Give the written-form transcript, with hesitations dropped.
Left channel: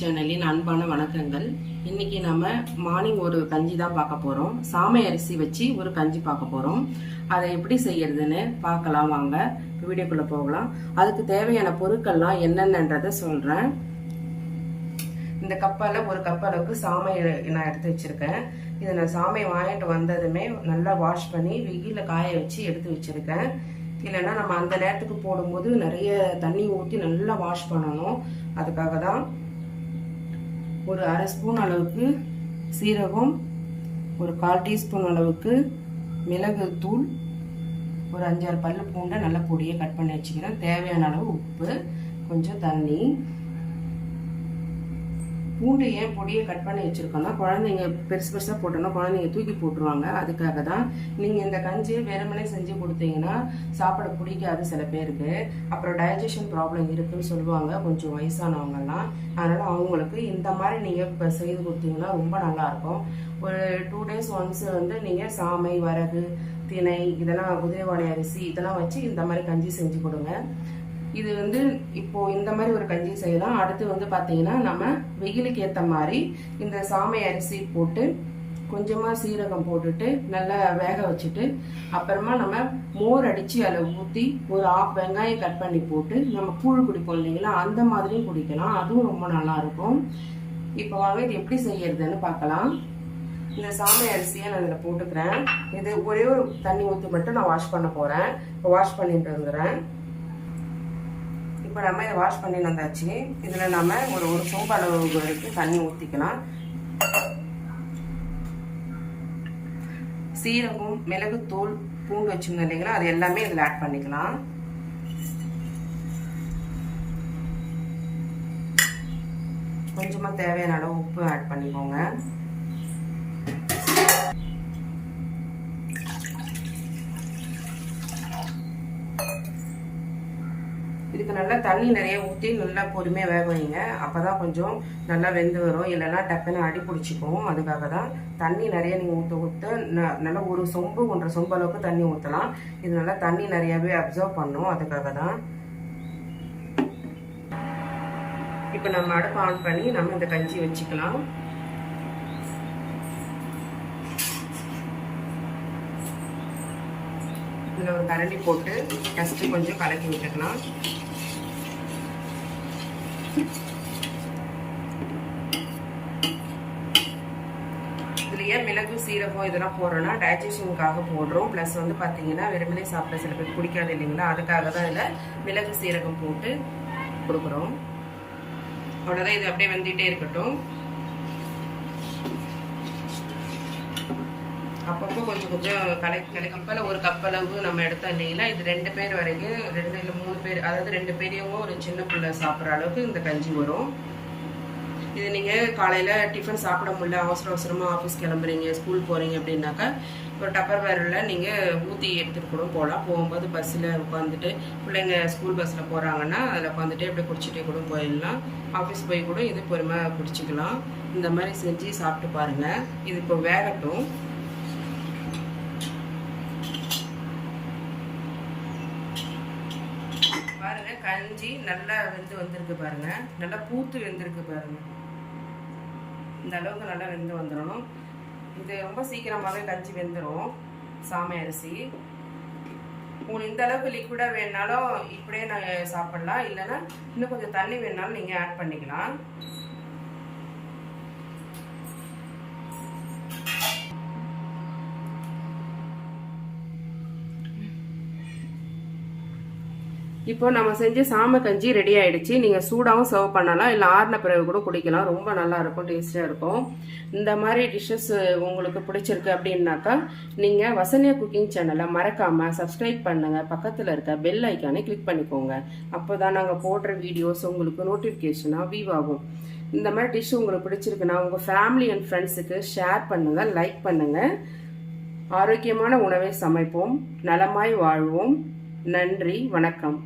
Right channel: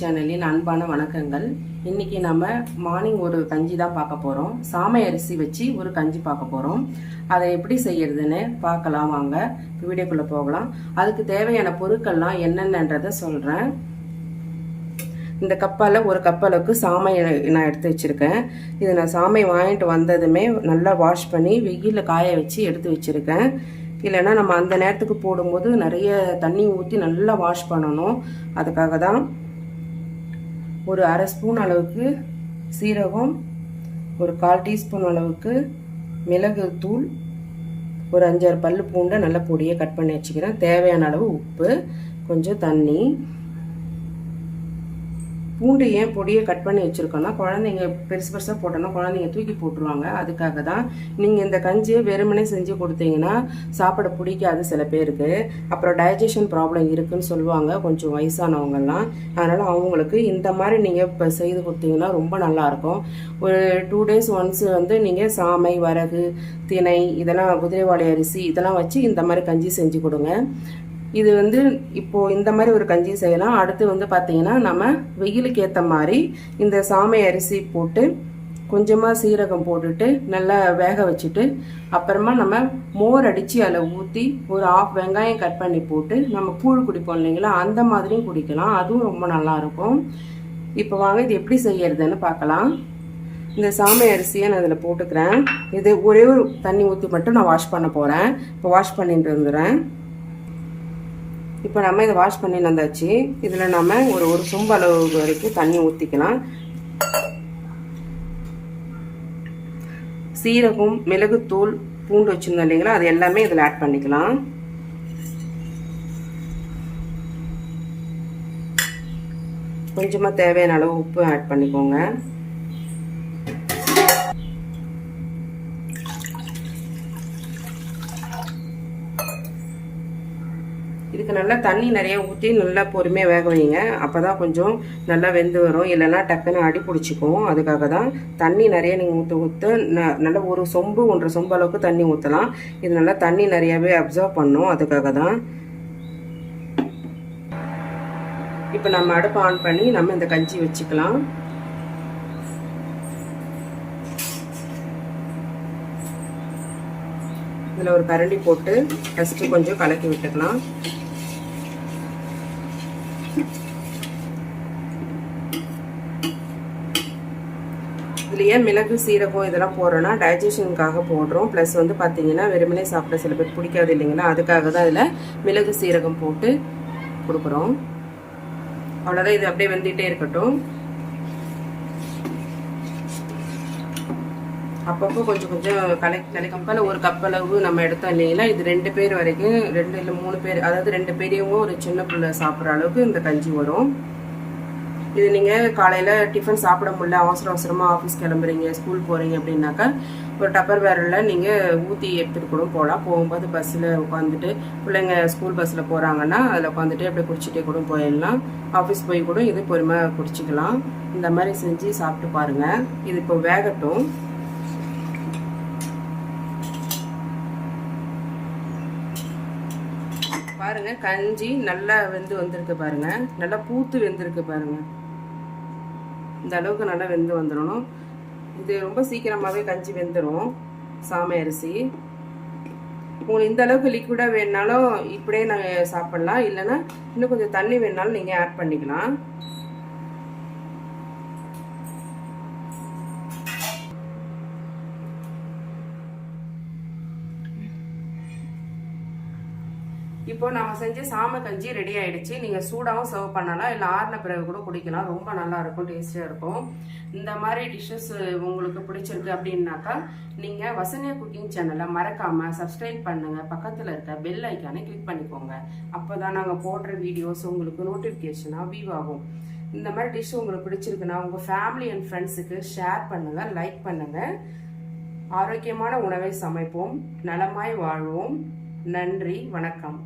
சேனலின் அன்பான வணக்கங்கள். இன்னைக்கு நம்ம மார்னிங் ஒரு கஞ்சி தான் பார்க்க போறோம். சாமை அரிசி வச்சு ஒரு கஞ்சி பார்க்க போறோம். அதை எப்படி செய்யறதுன்னு பார்க்கலாம் வாங்க, வீடியோக்குள்ள போகலாம். அதுக்கு தேவையான பொருட்கள்லாம் என்னென்னன்றதை சொல்றேன். இந்த கப்பால ஒரு கப்பளவுக்கு சாமை நான் எடுத்து வச்சிருக்கேன். இது நான் சாமை வாங்கிட்டு வந்ததுமே நல்லா வாஷ் பண்ணி வெயில காய வச்சு எடுத்து வச்சிருக்கேன். இல்லைன்னா நம்ம அந்த நேரத்துக்கு போடும்போது நிறைய தண்ணி ஊற்றி நல்லா வாஷ் பண்ணணும். அதுக்காக தான் ஒரு அரை ஸ்பூன் அளவுக்கு சீரகம், ஒரு 1/4 டீஸ்பூன் அளவுக்கு மிளகு தூள், ஒரு 5-6 பல்லு பூண்டை நல்ல பொடியை கட் பண்ணி வச்சுக்கிறேன். தேவையான அளவு உப்பு, கொஞ்சம் தண்ணி. பூண்டு ஏன் பொடியை கட் பண்ணி வச்சுருக்கோன்னா, குழந்தைங்க பெருசு பெருசாக போட்டோன்னா குழந்தைங்க தூக்கி போட்டுருவாங்க. அதுக்காக தான். நீங்கள் இந்த கஞ்சியை வெறுமனே செஞ்சு கொடுத்தீங்கன்னா சாப்பிட பிடிக்காது சில பேருக்கு. அப்புறம் டைஜஷன் ப்ராப்ளம் இருக்குதுன்னு சொல்லுவாங்க கொஞ்சம் வயசானவங்கெல்லாம். அதனால் அவங்களுக்கு இந்த மாதிரி நீங்கள் இப்போ செய்து கொடுத்தீங்கன்னா ரொம்ப நல்லாயிருக்கும். ஒரு 2 days ஒன்ஸ் வந்து நீங்கள் சாமை, வரகு, திணை, இதெல்லாம் குதிரைவாளி அரிசி இதெல்லாம் வச்சு இந்த மாதிரி கஞ்சி செஞ்சு கொடுங்க. இது வந்து இப்போது இந்த மாதிரி ஒரு கஞ்சி செய்யலாம். அடுத்து வந்து பார்த்தீங்கன்னா நம்ம வெயிலுக்கு ஏற்ற மாதிரி இந்த சாமை அரிசி போட்டு கொஞ்சமாக சீரகம் போட்டுட்டு நல்லா வேக வச்சுட்டு அப்புறமா நம்ம மோர் அடித்து அதில் ஊற்றி ஒரு 1/2 வெங்காயம் கட் பண்ணி போட்டு நம்ம கூழ் குடிப்போம் இல்லைங்களா, அந்த மாதிரியும் குடிக்கலாம். அதுவும் ரொம்ப நல்லாயிருக்கும். இப்போ வாங்க இது எப்படி செய்யறதுன்னு பார்க்கலாம். இந்த சாமை அரிசியை நான் அதில் போட்டுக்கிறேன். இது ஒரே ஒரு தண்ணி ஊற்றி மட்டும் நான் வாஷ் பண்ண போகிறேன். இப்போ வாஷ் பண்ணிட்டு வந்துடுறேன். இப்போ நம்ம இதை வாஷ் பண்ணி வந்தாச்சு. இதில் நம்ம ஒரு சொம்பு அளவு வரைக்கும் தண்ணி ஊற்றிக்கலாம். சீரகம், மிளகுத்தூள், பூண்டு வச்சுருந்தோம் இல்லைங்களா, அது எல்லாமே இதில் ஆட் பண்ணிக்கலாம். கொஞ்சமாக தேவையான அளவு உப்பு ஆட் பண்ணிக்கோங்க. இதுக்கு நல்லா தண்ணி நிறைய ஊற்றி நல்லா பொறுமையாக வேக வைங்க. அப்போ தான் கொஞ்சம் நல்லா வெந்து வரும். இல்லைன்னா டக்குன்னு அடி பிடிச்சிக்கும். அதுக்காக தான் தண்ணி நிறைய நீங்கள் ஊற்ற நல்லா ஒரு சொம்பு 1.5 சொம்பு அளவுக்கு தண்ணி ஊற்றலாம். இது நல்லா தண்ணி நிறையாவே அப்சர்வ் பண்ணும். அதுக்காக தான். இப்போ நம்ம அடுப்பு ஆன் பண்ணி நம்ம இந்த கஞ்சி வச்சுக்கலாம். இதில் ஒரு கரண்டி போட்டு ஃபஸ்ட்டு கொஞ்சம் கலக்கி விட்டுக்கலாம். இதுலேயே மிளகு, சீரகம் இதெல்லாம் போடுறோன்னா டைஜஷனுக்காக போடுறோம். ப்ளஸ் வந்து பார்த்தீங்கன்னா வெறுமனே சாப்பிட சில பேர் பிடிக்காது இல்லைங்களா, அதுக்காக தான் இதில் மிளகு, சீரகம் போட்டு கொடுக்குறோம். அவ்வளோதான். இது அப்படியே வெந்துகிட்டே இருக்கட்டும். அப்பப்போ கொஞ்சம் கொஞ்சம் கலக்கம்பால் ஒரு கப் அளவு நம்ம எடுத்தோம் இல்லைங்களா, இது 2 பேர் வரைக்கும், 2 இல்லை 3 பேர், அதாவது 2 பெரியவங்க ஒரு சின்ன பிள்ளை சாப்பிட்ற அளவுக்கு இந்த கஞ்சி வரும். இது நீங்கள் காலையில் டிஃபன் சாப்பிட முடியல, அவசரமாக ஆஃபீஸ் கிளம்புறீங்க, ஸ்கூல் போகிறீங்க அப்படின்னாக்கா ஒரு டப்பர் வேரில் நீங்கள் ஊற்றி எடுத்துகிட்டு கூட போகலாம். போகும்போது பஸ்ஸில் உட்காந்துட்டு பிள்ளைங்க ஸ்கூல் பஸ்ஸில் போகிறாங்கன்னா அதில் உட்காந்துட்டு அப்படியே குடிச்சிட்டே கூட போயிடலாம். ஆஃபீஸ் போய் கூட இது பொறுமையாக குடிச்சிக்கலாம். இந்த மாதிரி செஞ்சு சாப்பிட்டு பாருங்கள். இது இப்போ வேகட்டும். பாருங்க, கஞ்சி நல்லா வெந்து வந்திருக்கு பாருங்க. நல்லா பூத்து வெந்திருக்கு பாருங்க. இந்த அளவுக்கு நல்லா வெந்து வந்துடணும். இது ரொம்ப சீக்கிரமாகவே கஞ்சி வெந்துடும் சாமை அரிசி. உங்களுக்கு இந்த அளவுக்கு லிக்விடாக வேணுனாலும் இப்படியே நாங்கள் சாப்பிட்லாம். இல்லைன்னா இன்னும் கொஞ்சம் தண்ணி வேணுனாலும் நீங்கள் ஆட் பண்ணிக்கலாம். இப்போ நம்ம செஞ்ச சாமை கஞ்சி ரெடி ஆயிடுச்சு. நீங்கள் சூடாகவும் சர்வ் பண்ணலாம், இல்லை ஆறின பிறகு கூட குடிக்கலாம். ரொம்ப நல்லா இருக்கும், டேஸ்டியாக இருக்கும். இந்த மாதிரி டிஷ்ஷஸ் உங்களுக்கு பிடிச்சிருக்கு அப்படின்னாக்கா நீங்கள் வசன்யா குக்கிங் சேனலை மறக்காமல் சப்ஸ்கிரைப் பண்ணுங்கள். பக்கத்தில் இருக்க பெல் ஐக்கானை கிளிக் பண்ணிக்கோங்க. அப்போ தான் நாங்கள் போடுற வீடியோஸ் உங்களுக்கு நோட்டிஃபிகேஷனாக வியூ ஆகும். இந்த மாதிரி டிஷ் உங்களுக்கு பிடிச்சிருக்குன்னா உங்கள் ஃபேமிலி அண்ட் ஃப்ரெண்ட்ஸுக்கு ஷேர் பண்ணுங்கள், லைக் பண்ணுங்கள். ஆரோக்கியமான உணவை சமைப்போம், நலமாய் வாழ்வோம். நன்றி, வணக்கம்.